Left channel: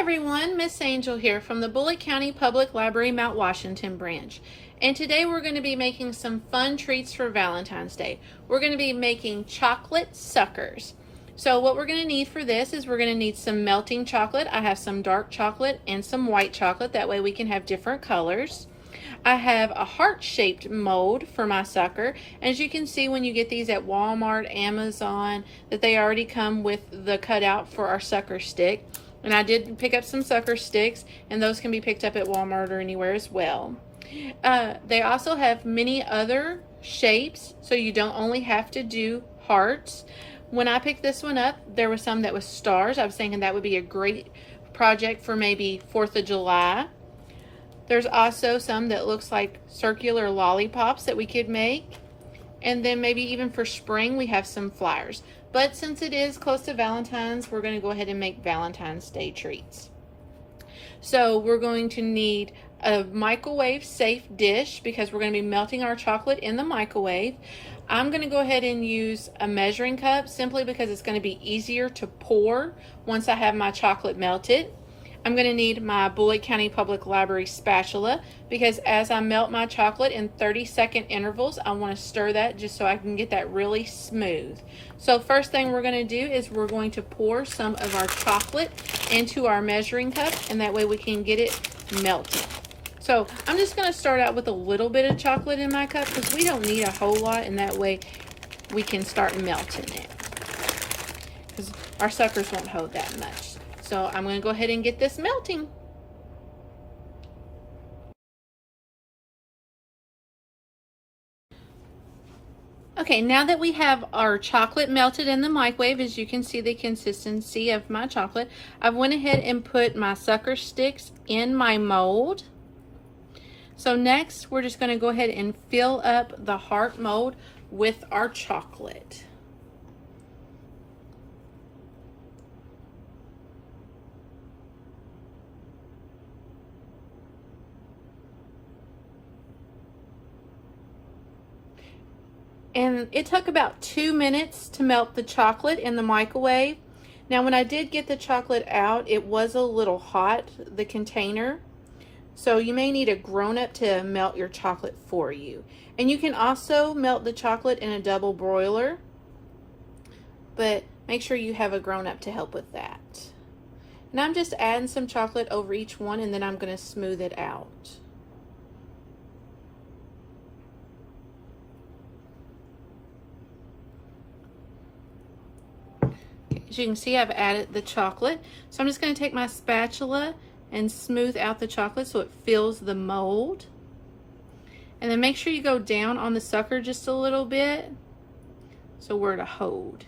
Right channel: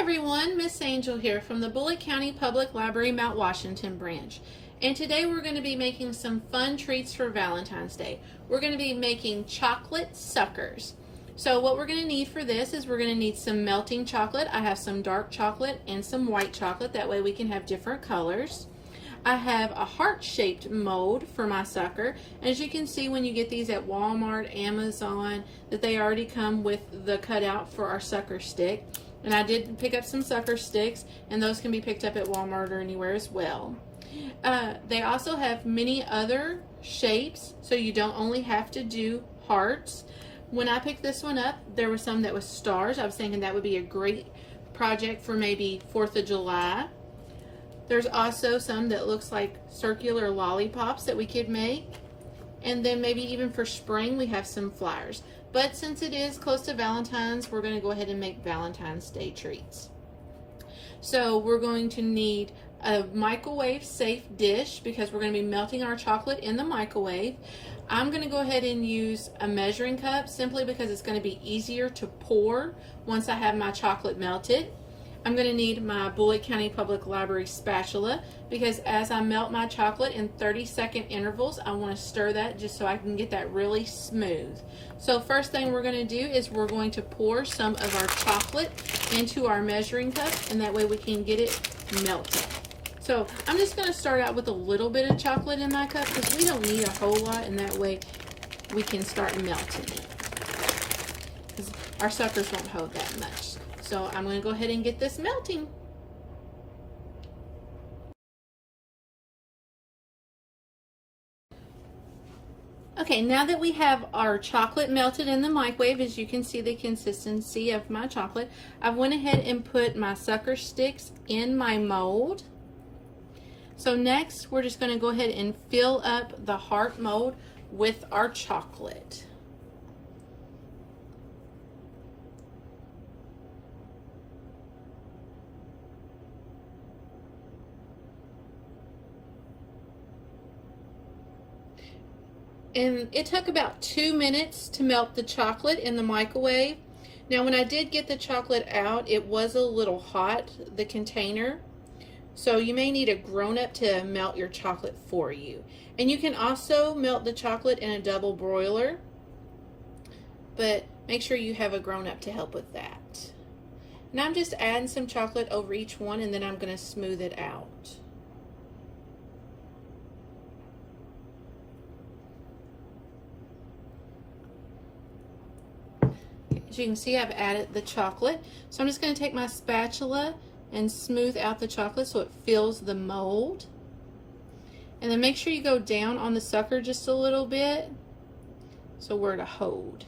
Everyone, Miss Angel here from the Bullitt County Public Library Mount Washington branch. And today we're going to be making some fun treats for Valentine's Day. We're going to be making chocolate suckers. So what we're going to need for this is we're going to need some melting chocolate. I have some dark chocolate and some white chocolate. That way we can have different colors. I have a heart-shaped mold for my sucker. As you can see when you get these at Walmart, Amazon, that they already come with the cutout for our sucker stick. And I did pick up some sucker sticks, and those can be picked up at Walmart or anywhere as well. They also have many other shapes, so you don't only have to do hearts. When I picked this one up, there was some that was stars. I was thinking that would be a great project for maybe 4th of July. There's also some that looks like circular lollipops that we could make. And then maybe even for spring, we have some flowers. But since it is close to Valentine's, we're going to go ahead and make Valentine's Day treats. So we're going to need a microwave safe dish because we're going to be melting our chocolate in the microwave. I'm going to go ahead and use a measuring cup simply because it's going to be easier to pour once I have my chocolate melted. I'm going to need my Bullitt County Public Library spatula because as I melt my chocolate in 30-second intervals, I want to stir that just so I can get that really smooth. So first thing we're going to do is we're going to pour some of our chocolate into our measuring cup, and that way we can get it melted. So I'm just going to start out with a little bit of chocolate in my cup because we don't need a whole lot, and that way we can start melting it because our suckers won't hold that much. So I'm going to go ahead and get this melting. Okay, now that we have our chocolate melted in the microwave, as you can see the consistency of my chocolate, I've went ahead and put my sucker sticks in my mold. So next, we're just going to go ahead and fill up the heart mold with our chocolate. And it took about 2 minutes to melt the chocolate in the microwave. Now when I did get the chocolate out, it was a little hot, the container. So you may need a grown-up to melt your chocolate for you. And you can also melt the chocolate in a double broiler, but make sure you have a grown-up to help with that. And I'm just adding some chocolate over each one, and then I'm going to smooth it out. As you can see, I've added the chocolate. So I'm just going to take my spatula and smooth out the chocolate so it fills the mold. And then make sure you go down on the sucker just a little bit so we're to hold.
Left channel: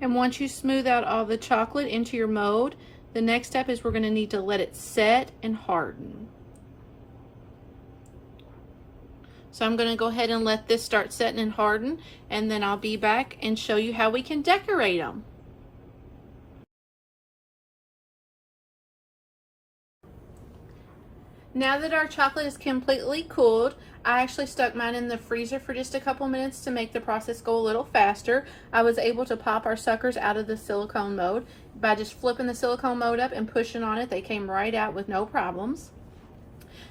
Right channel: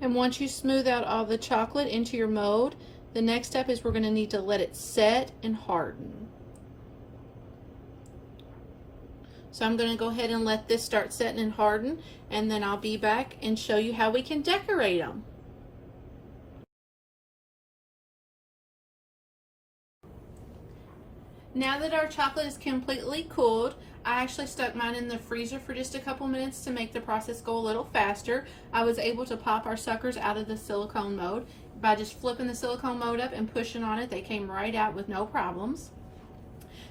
And once you smooth out all the chocolate into your mold, the next step is we're going to need to let it set and harden. So I'm going to go ahead and let this start setting and harden, and then I'll be back and show you how we can decorate them. Now that our chocolate is completely cooled, I actually stuck mine in the freezer for just a couple minutes to make the process go a little faster. I was able to pop our suckers out of the silicone mold. By just flipping the silicone mold up and pushing on it, they came right out with no problems.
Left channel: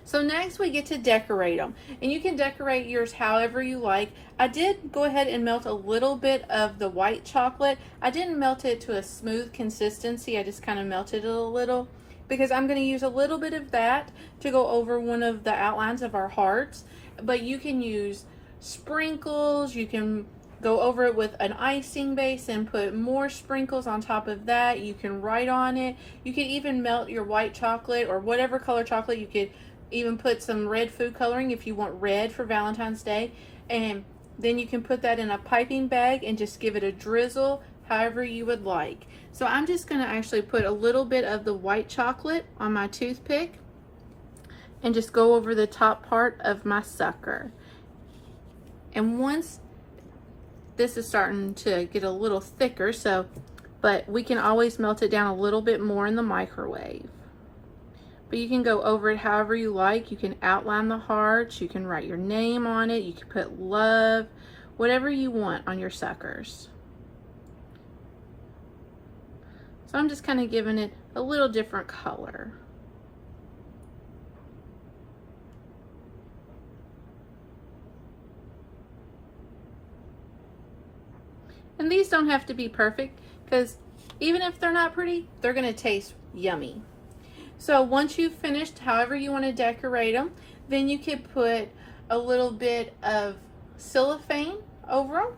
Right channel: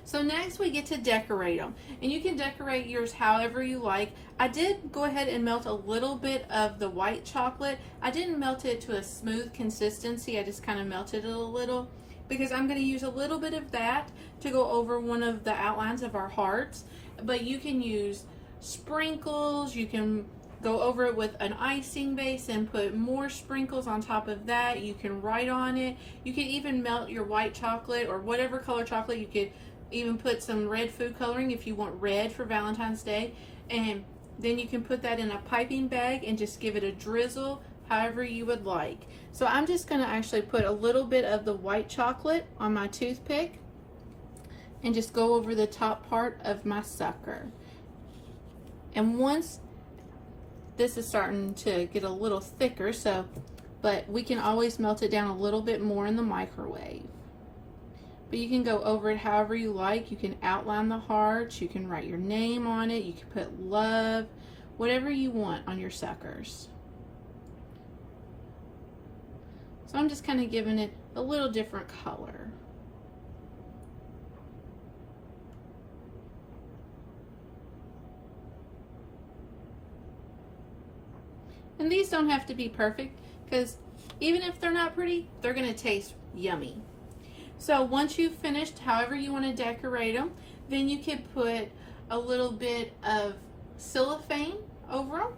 So next we get to decorate them. And you can decorate yours however you like. I did go ahead and melt a little bit of the white chocolate. I didn't melt it to a smooth consistency. I just kind of melted it a little, because I'm going to use a little bit of that to go over one of the outlines of our hearts. But you can use sprinkles, you can go over it with an icing base and put more sprinkles on top of that. You can write on it. You can even melt your white chocolate or whatever color chocolate. You could even put some red food coloring if you want red for Valentine's Day. And then you can put that in a piping bag and just give it a drizzle however you would like. So I'm just going to actually put a little bit of the white chocolate on my toothpick and just go over the top part of my sucker. And once this is starting to get a little thicker, but we can always melt it down a little bit more in the microwave. But you can go over it however you like. You can outline the hearts, you can write your name on it, you can put love, whatever you want on your suckers. So I'm just kind of giving it a little different color. And these don't have to be perfect, because even if they're not pretty, they're going to taste yummy. So once you've finished however you want to decorate them, then you could put a little bit of cellophane over them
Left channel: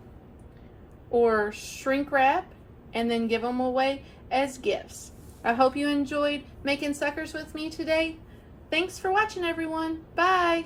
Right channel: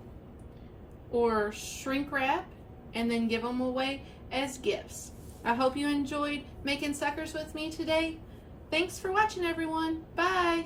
or shrink wrap and then give them away as gifts. I hope you enjoyed making suckers with me today. Thanks for watching, everyone. Bye.